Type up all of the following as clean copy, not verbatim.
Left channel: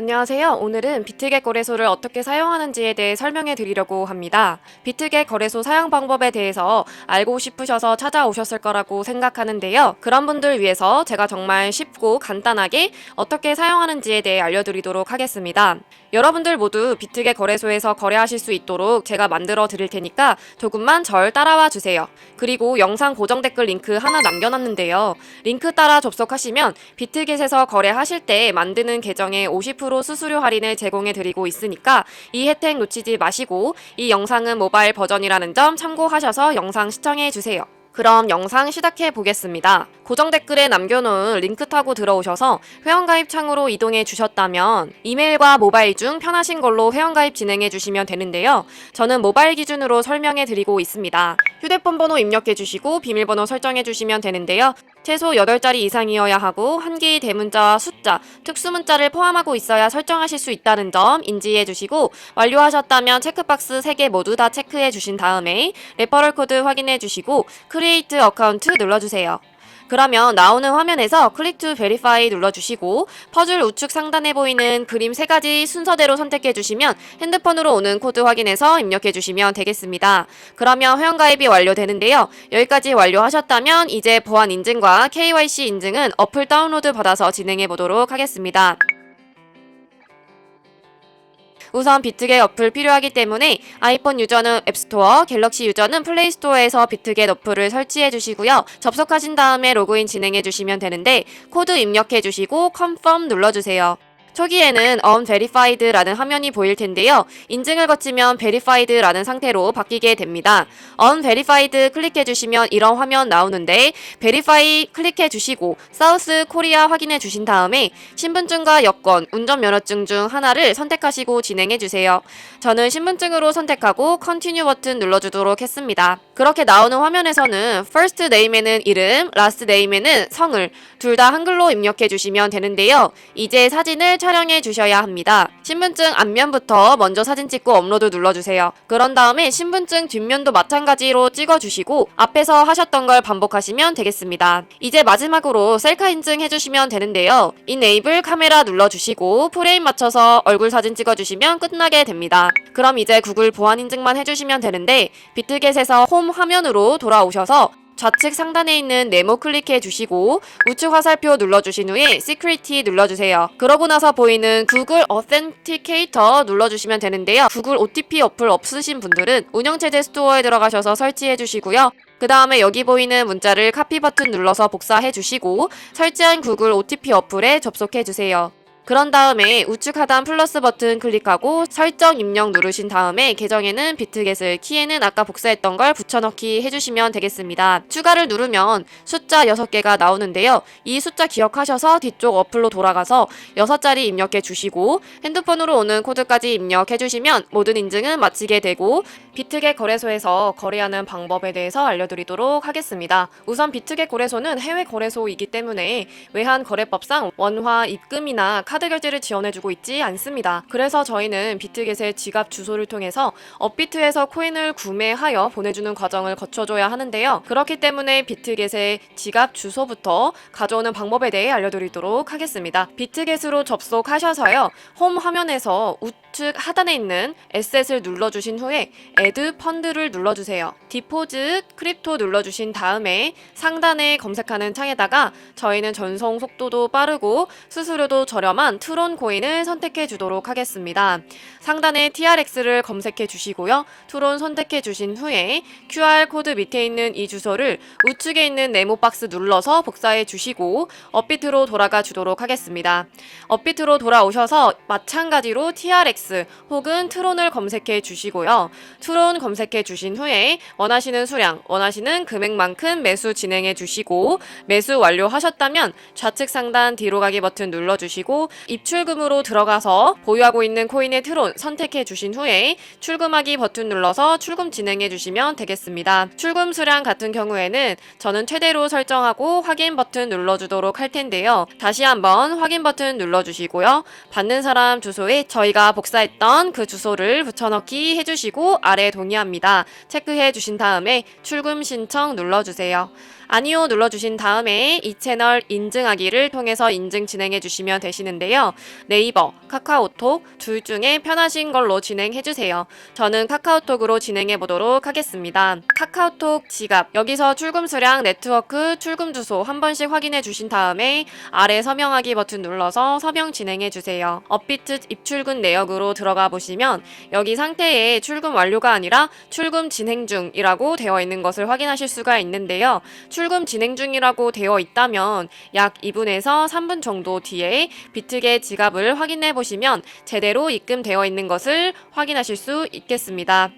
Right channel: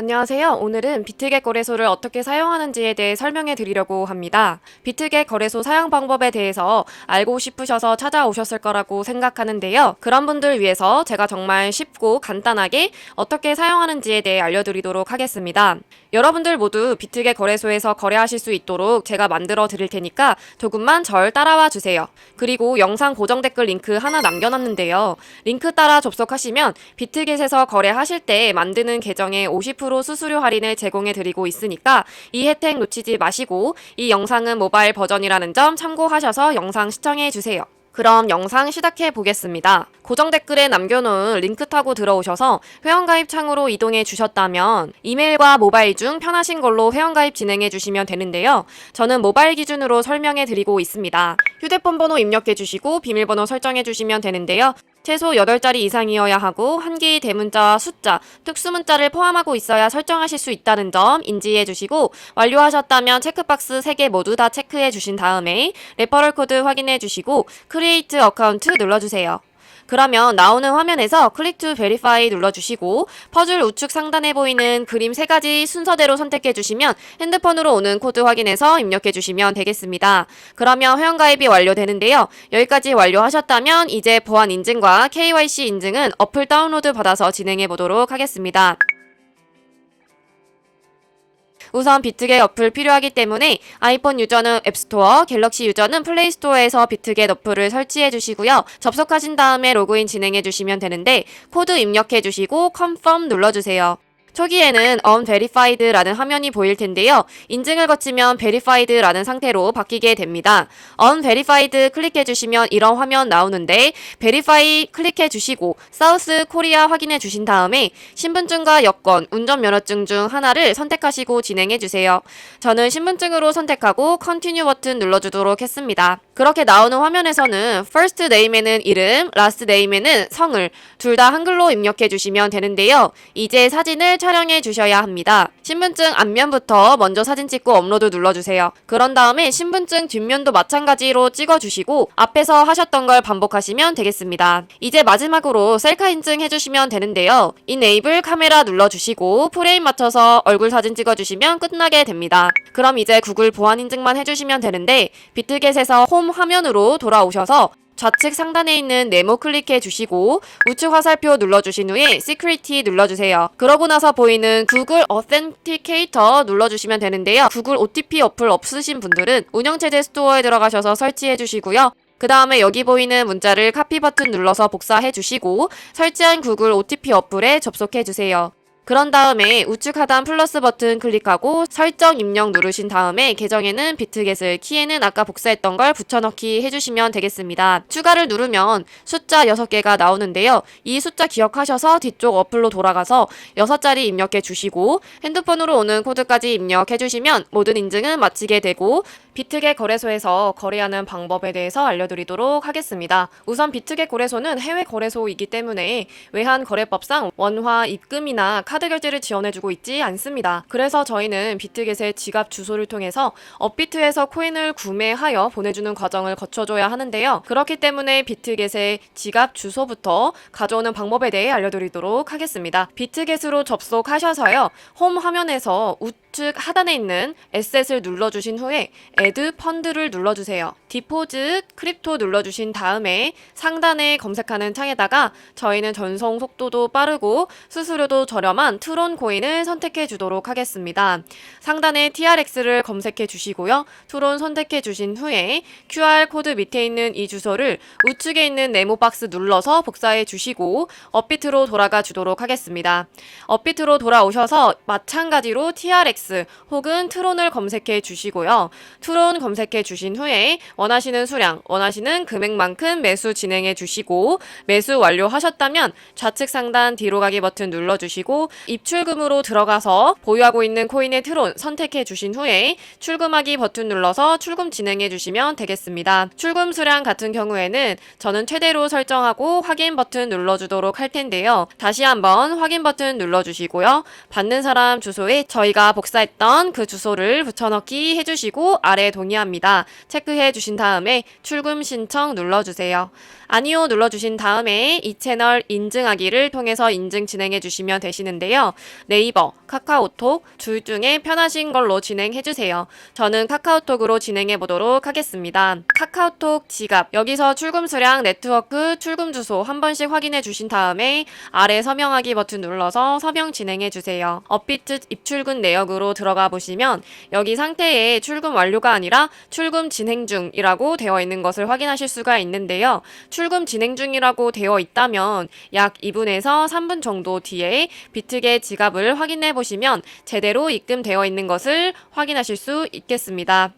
안녕하세요. 오늘은 비트겟 거래소를 어떻게 사용하는지에 대해 설명해 드리려고 합니다. 비트겟 거래소 사용 방법에 대해서 알고 싶으셔서 찾아오셨을 거라고 생각하는데요. 그런 분들 위해서 제가 정말 쉽고 간단하게 어떻게 사용하는지에 대해 알려드리도록 하겠습니다. 여러분들 모두 비트겟 거래소에서 거래하실 수 있도록 제가 만들어 드릴 테니까 조금만 절 따라와 주세요. 그리고 영상 고정 댓글 링크 하나 남겨놨는데요. 링크 따라 접속하시면 비트겟에서 거래하실 때 만드는 계정에 50% 수수료 할인을 제공해 드리고 있으니까 이 혜택 놓치지 마시고 이 영상은 모바일 버전이라는 점 참고하셔서 영상 시청해 주세요. 그럼 영상 시작해 보겠습니다. 고정 댓글에 남겨놓은 링크 타고 들어오셔서 회원가입 창으로 이동해 주셨다면 이메일과 모바일 중 편하신 걸로 회원가입 진행해 주시면 되는데요. 저는 모바일 기준으로 설명해 드리고 있습니다. 휴대폰 번호 입력해 주시고 비밀번호 설정해 주시면 되는데요. 최소 8자리 이상이어야 하고 한 개의 대문자와 숫자, 특수문자를 포함하고 있어야 설정하실 수 있다는 점 인지해 주시고 완료하셨다면 체크박스 3개 모두 다 체크해 주신 다음에 레퍼럴 코드 확인해 주시고 크리에이트 어카운트 눌러주세요. 그러면 나오는 화면에서 클릭 투 베리파이 눌러주시고 퍼즐 우측 상단에 보이는 그림 3가지 순서대로 선택해주시면 핸드폰으로 오는 코드 확인해서 입력해주시면 되겠습니다. 그러면 회원가입이 완료되는데요. 여기까지 완료하셨다면 이제 보안 인증과 KYC 인증은 어플 다운로드 받아서 진행해보도록 하겠습니다. 우선 비트겟 어플 필요하기 때문에 아이폰 유저는 앱스토어, 갤럭시 유저는 플레이스토어에서 비트겟 어플을 설치해 주시고요. 접속하신 다음에 로그인 진행해 주시면 되는데 코드 입력해 주시고 confirm 눌러주세요. 초기에는 unverified라는 화면이 보일 텐데요. 인증을 거치면 verified라는 상태로 바뀌게 됩니다. unverified 클릭해 주시면 이런 화면 나오는데 verify 클릭해 주시고 사우스 코리아 확인해 주신 다음에 신분증과 여권, 운전면허증 중 하나를 선택하시고 진행해 주세요. 저는 신분증으로 선택하고 continue 버튼 눌러주도록 했습니다. 그렇게 나오는 화면에서는 first name에는 이름, last name에는 성을 둘 다 한글로 입력해 주시면 되는데요. 이제 사진을 촬영해 주셔야 합니다. 신분증 앞면부터 먼저 사진 찍고 업로드 눌러주세요. 그런 다음에 신분증 뒷면도 마찬가지로 찍어주시고 앞에서 하셨던 걸 반복하시면 되겠습니다. 이제 마지막으로 셀카 인증 해주시면 되는데요. Enable 카메라 눌러주시고 프레임 맞춰서 얼굴 사진 찍어주시면 끝나게 됩니다. 그럼 이제 구글 보안 인증만 해주시면 되는데 비트겟에서 홈 화면으로 돌아오셔서 좌측 상단에 있는 네모 클릭해 주시고 우측 화살표 눌러주신 후에 Security 눌러주세요. 그러고 나서 보이는 구글 Authenticator 눌러주시면 되는데요. 구글 OTP 어플 없으신 분들은 운영체제 스토어에 들어가셔서 설치해 주시고요. 그 다음에 여기 보이는 문자를 카피 버튼 눌러서 복사해 주시고 설치한 구글 OTP 어플에 접속해 주세요. 그런 다음에 우측 하단 플러스 버튼 클릭하고 설정 입력 누르신 다음에 계정에는 비트겟을, 키에는 아까 복사했던 걸 붙여넣기 해주시면 되겠습니다. 추가를 누르면 숫자 6개가 나오는데요. 이 숫자 기억하셔서 뒤쪽 어플로 돌아가서 6자리 입력해 주시고 핸드폰으로 오는 코드까지 입력해 주시면 모든 인증은 마치게 되고 비트겟 거래소에서 거래하는 방법에 대해서 알려드리도록 하겠습니다. 우선 비트겟 거래소는 해외 거래소이기 때문에 외환거래법상 원화 입금이나 카드 결제를 지원해주고 있지 않습니다. 그래서 저희는 비트겟의 지갑 주소를 통해서 업비트에서 코인을 구매하여 보내주는 과정을 거쳐줘야 하는데요. 그렇기 때문에 비트겟의 지갑 주소부터 가져오는 방법에 대해 알려드리도록 하겠습니다. 비트겟으로 접속하셔서요. 홈 화면에서 우측 하단에 있는 에셋을 눌러주신 후에 Add 펀드를 눌러주세요. 디포짓 크립토 눌러주신 다음에 상단에 검색하는 창에다가 저희는 전송 속도도 빠르고 수수료도 저렴한 트론 코인을 선택해 주도록 하겠습니다. 상단에 TRX를 검색해 주시고요. 트론 선택해 주신 후에 QR코드 밑에 있는 이 주소를 우측에 있는 네모 박스 눌러서 복사해 주시고 업비트로 돌아가 주도록 하겠습니다. 업비트로 돌아오셔서 마찬가지로 TRX 혹은 트론을 검색해 주시고요. 트론 검색해 주신 후에 원하시는 수량, 원하시는 금액만큼 매수 진행해 주시고 매수 완료하셨다면 좌측 상단 뒤로 가기 버튼 눌러주시고 입출금으로 들어가서 보유하고 있는 코인의 트론 선택해 주신 후에 출금하기 버튼 눌러서 출금 진행해 주시면 되겠습니다. 출금 수량 같은 경우에는 저는 최대로 설정하고 확인 버튼 눌러주도록 할 텐데요. 다시 한번 확인 버튼 눌러주시고요. 받는 사람 주소에 저희가 복사 복사했던 그 주소를 붙여넣기 해주시고 아래 동의합니다. 체크해 주신 다음에 출금 신청 눌러주세요. 아니요 눌러주신 다음에 이 채널 인증하기를 통해서 인증 진행해 주시면 되시는데요. 네이버, 카카오톡 둘 중에 편하신 걸로 진행해 주세요. 저는 카카오톡으로 진행해 보도록 하겠습니다. 카카오톡 지갑, 여기서 출금 수량, 네트워크, 출금 주소 한 번씩 확인해 주신 다음에 아래 서명하기 버튼 눌러서 서명 진행해 주세요. 업비트 입출금 내역으로 들어가 보시면 여기 상태에 출금 완료가 아니라 출금 진행 중이라고 되어 있는 것을 확인하실 수가 있는데요. 출금 진행 중이라고 되어 있다면 약 2분에서 3분 정도 뒤에 비트겟 지갑을 확인해 보시면 제대로 입금되어 있는 것을 확인하실 수 있겠습니다.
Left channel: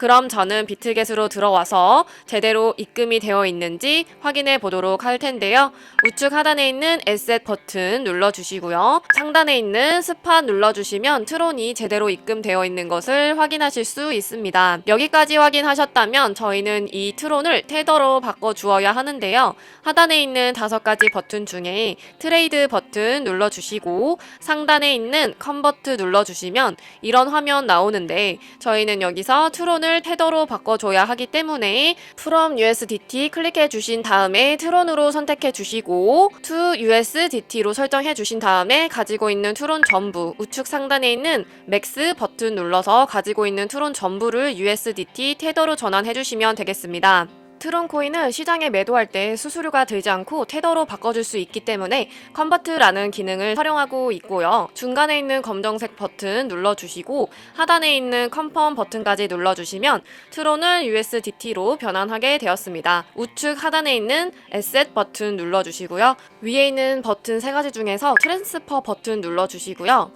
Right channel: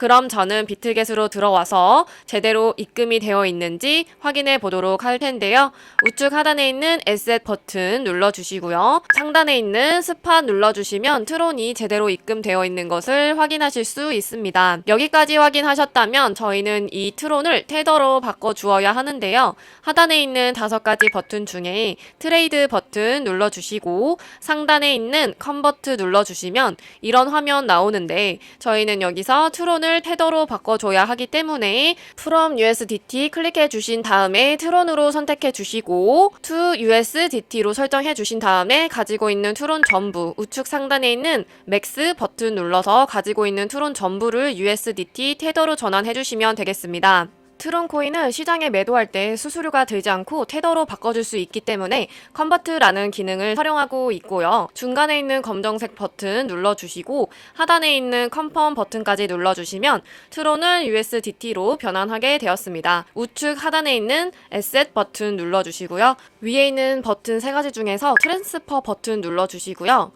그럼 저는 비트겟으로 들어와서 제대로 입금이 되어 있는지 확인해 보도록 할 텐데요. 우측 하단에 있는 에셋 버튼 눌러주시고요. 상단에 있는 스팟 눌러주시면 트론이 제대로 입금되어 있는 것을 확인하실 수 있습니다. 여기까지 확인하셨다면 저희는 이 트론을 테더로 바꿔주어야 하는데요. 하단에 있는 5가지 버튼 중에 트레이드 버튼 눌러주시고 상단에 있는 컨버트 눌러주시면 이런 화면 나오는데 저희는 여기서 트론을 테더로 바꿔줘야 하기 때문에 from USDT 클릭해 주신 다음에 트론으로 선택해 주시고 to USDT로 설정해 주신 다음에 가지고 있는 트론 전부 우측 상단에 있는 맥스 버튼 눌러서 가지고 있는 트론 전부를 USDT 테더로 전환해 주시면 되겠습니다. 트론 코인은 시장에 매도할 때 수수료가 들지 않고 테더로 바꿔줄 수 있기 때문에 컨버트라는 기능을 활용하고 있고요. 중간에 있는 검정색 버튼 눌러주시고 하단에 있는 컨펌 버튼까지 눌러주시면 트론은 USDT로 변환하게 되었습니다. 우측 하단에 있는 에셋 버튼 눌러주시고요. 위에 있는 버튼 3가지 중에서 트랜스퍼 버튼 눌러주시고요.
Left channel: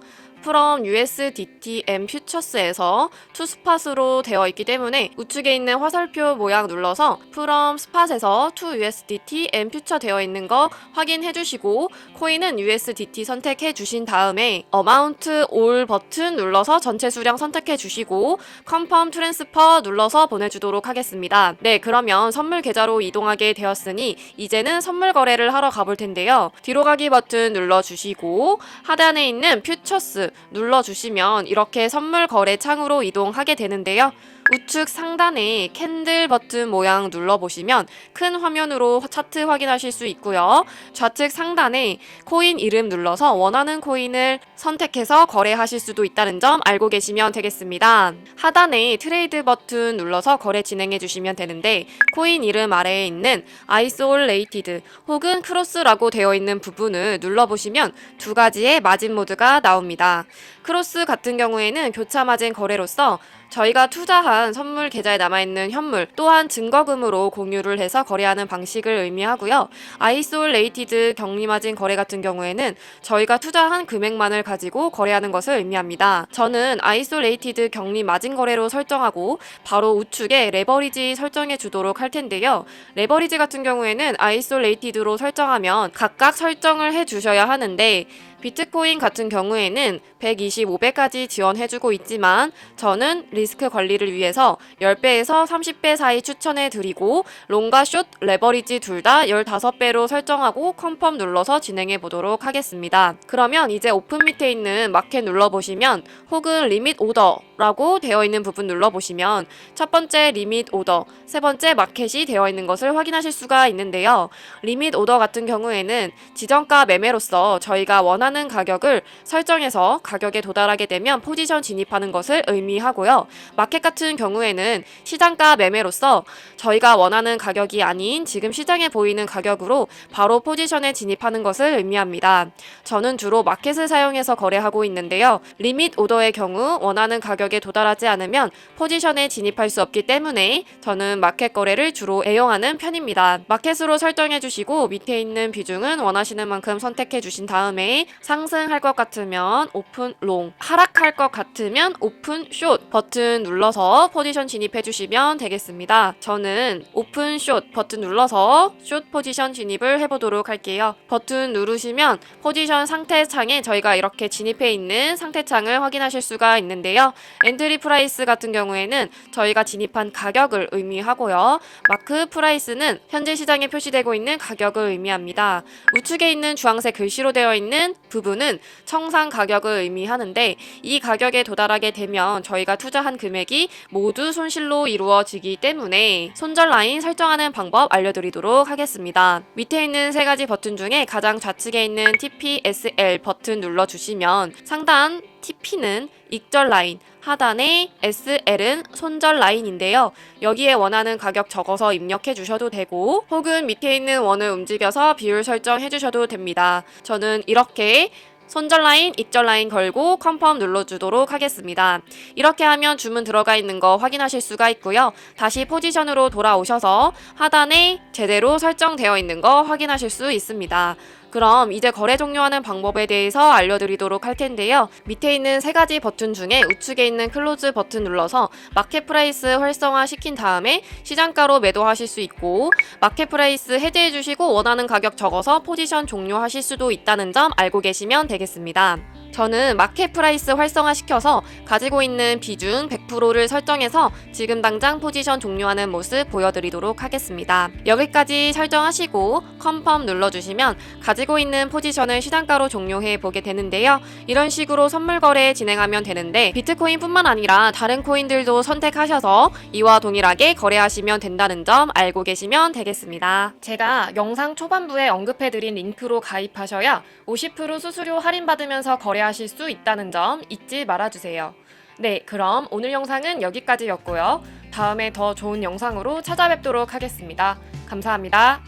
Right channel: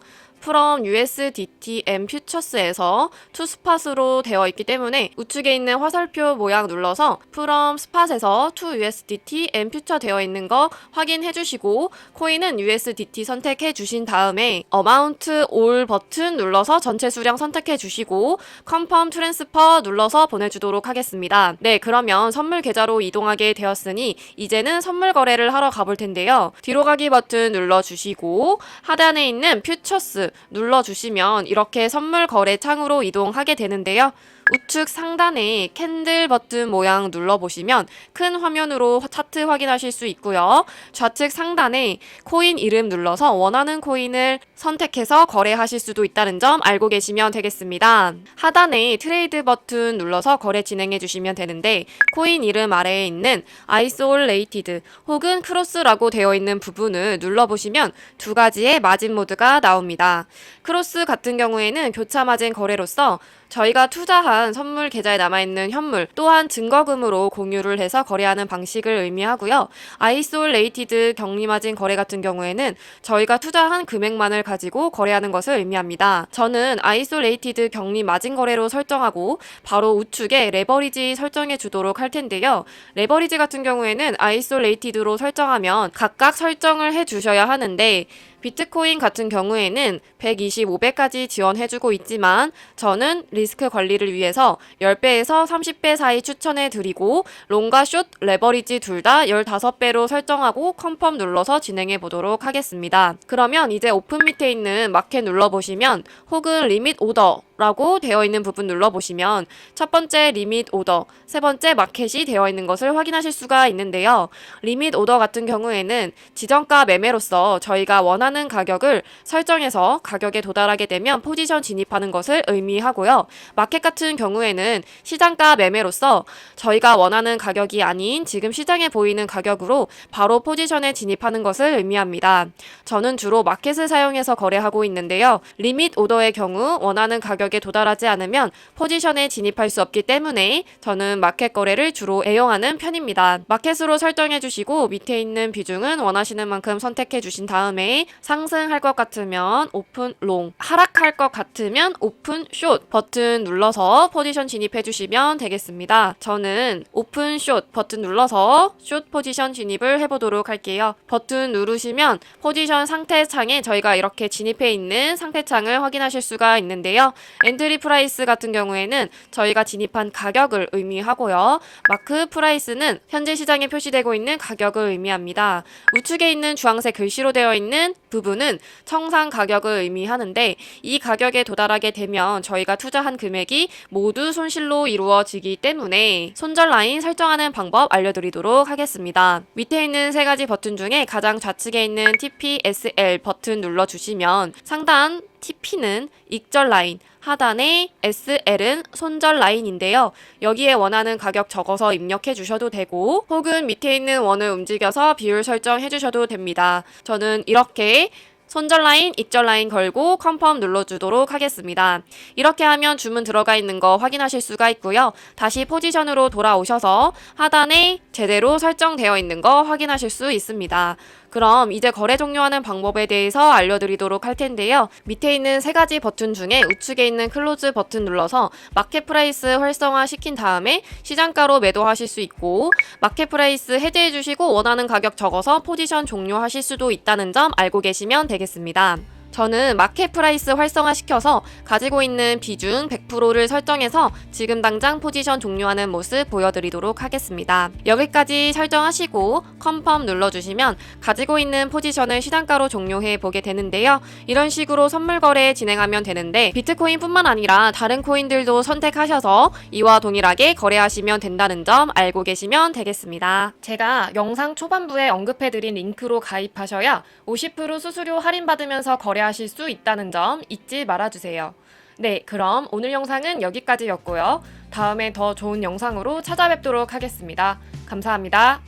from USDT and Futures에서 to spot으로 되어 있기 때문에 우측에 있는 화살표 모양 눌러서 from spot에서 to USDT and Future 되어 있는 거 확인해 주시고 코인은 USDT 선택해 주신 다음에 amount all 버튼 눌러서 전체 수량 선택해 주시고 confirm transfer 눌러서 보내주도록 하겠습니다. 네, 그러면 선물 계좌로 이동하게 되었으니 이제는 선물 거래를 하러 가볼 텐데요. 뒤로 가기 버튼 눌러주시고 하단에 있는 Futures 눌러주시면 이렇게 선물 거래 창으로 이동하게 되는데요. 우측 상단에 캔들 버튼 모양 눌러보시면 큰 화면으로 차트 확인하실 수 있고요. 좌측 상단에 코인 이름 눌러서 원하는 코인을 선택해서 거래하실 수도 있다는 점 알고 계시면 되겠습니다. 하단에 트레이드 버튼 눌러서 거래 진행해 주시면 되는데 코인 이름 아래에 있는 아이솔레이티드 혹은 크로스라고 되어 있는 부분을 눌러보시면 2가지의 마진 모드가 나옵니다. 크로스 같은 경우에는 교차 마진 거래로서 저희가 투자한 선물 계좌에 남아있는 현물 또한 증거금으로 공유를 해서 거래하는 방식을 의미하고요. 아이솔레이티드 격리마진 거래 같은 경우에는 저희가 투자한 금액만을 가지고 거래하는 것을 의미합니다. 저는 아이솔레이티드 격리마진 거래로 설정하고 바로 우측에 레버리지 설정해 주도록 할 텐데요. 레버리지 같은 경우에는 아이솔레이티드로 설정하면 각각 설정을 해 주셔야 하는데 비트코인 같은 경우에는 125배까지 지원해주고 있지만 저는 리스크 관리를 위해서 10배에서 30배 사이 추천해드리고 롱과 숏, 레버리지 둘 다 15배로 설정하고 컨펌 눌러서 진행해 보도록 하겠습니다. 그러면 이제 오픈 밑에 있는 마켓 눌러보시면 혹은 리밋 오더라고 되어 있는 부분 눌러보시면 첫 번째 리밋 오더, 세 번째 마켓이 되어 있는 것을 확인하실 수가 있는데요. 리밋 오더 같은 경우에는 지정가 매매로서 저희가 원하는 가격을 설정해서 가격에 도달하게 되면 포지션 진입하는 것을 의미하고요. 마켓 같은 경우에는 시장가 매매로서 저희가 원하는 가격이 아닌 지금 시장에 보이는 가격으로 바로 포지션에 진입하는 것을 의미합니다. 저는 주로 마켓을 사용해서 거래하고 있는데요. 리밋 오더의 경우 원하는 가격에 도달하지 않으면 포지션에 진입할 수 없기 때문에 저는 마켓 거래를 주로 애용하는 편입니다. 마켓으로 설정해 주시고 밑에 있는 비중은 원하시는 만큼 선택해 주신 다음에 상승할 것 같으면 오픈 롱, 하락할 것 같으면 오픈 숏 버튼 눌러서 포지션 진입해 주시면 되겠습니다. 저는 오픈 숏 버튼 눌러서 숏 포지션 진입을 해보도록 할게요. 버튼 누르시면 포지션 상태 창에 저희가 이렇게 진입해 있는 상태 창을 확인하실 수가 있는데요. 엔트리 프라이스 같은 경우에는 저희가 진입한 가격을 의미하고요. 마크 프라이스는 현재 시장에 표시되고 있는 가격을 의미합니다. 우측에 있는 주황색 글씨로 되어 있는 부분은 청산 가격을 의미하는데 이 가격에 도달하게 되면 저희가 투자한 금액이 모두 손실로 이루어지기 때문에 손절 라인 설정하는 방법 알려드리도록 하겠습니다. 밑에 있는 세 가지 버튼 중에 가장 좌측에 있는 TPSL 버튼 눌러주시면 상단 TP는 익절 라인, 하단의 SL은 손절 라인인데요. 여기에 원하는 가격 적어서 입력해 주셔도 되고 혹은 밑에 있는 원을 움직여서 비율 설정해 주셔도 됩니다. 저는 이렇게 손절 라인, 익절 라인 걸고 컨펌 눌러주도록 하겠습니다. 이렇게 하면 주문 들어가 있는 거 확인하실 수가 있고요. 다시 포지션으로 돌아오셔서 하단에 제대로 설정되어 있는 거 확인하실 수 있습니다. 그럼 이제 거래 종료하는 방법에 대해서 알려드리도록 할 텐데요. 밑에 있는 세 가지 버튼 중에 우측에 있는 클로즈 버튼 눌러서 마켓 프라이스 활성화 시킨 다음에 시장가로 매도하실 수 있고 마켓 프라이스 해제해 주시고 원하는 가격 적어서 포지션 종료하실 수도 있다는 점 알고 계시면 되겠습니다. 저는 마켓 프라이스 활성화시켜서 가지고 있는 비중 100%를 설정해서 지금 당장 포지션 종료하는 모습 보여드리도록 하겠습니다. 여기까지 설정하시고 컨펌 눌러주시면 가지고 있는 포지션을 시장가로 종료해 보게 되는데요. 이런 식으로 선물 거래 진행하면 되는데 비트코인 뿐만 아니라 다른 코인들도 선택하셔서 이와 동일하게 거래하시면 된다는 점 알고 계시면 되겠습니다. 제가 영상 초반부에 언급해드린 링크로 가입하셔야 50% 수수료 할인받으면서 거래하실 수 있다는 점 잊지 말아주세요. 네, 그럼 오늘 영상은 여기까지였고요. 다음에 더 좋은 영상으로 찾아뵙도록 하겠습니다. 감사합니다.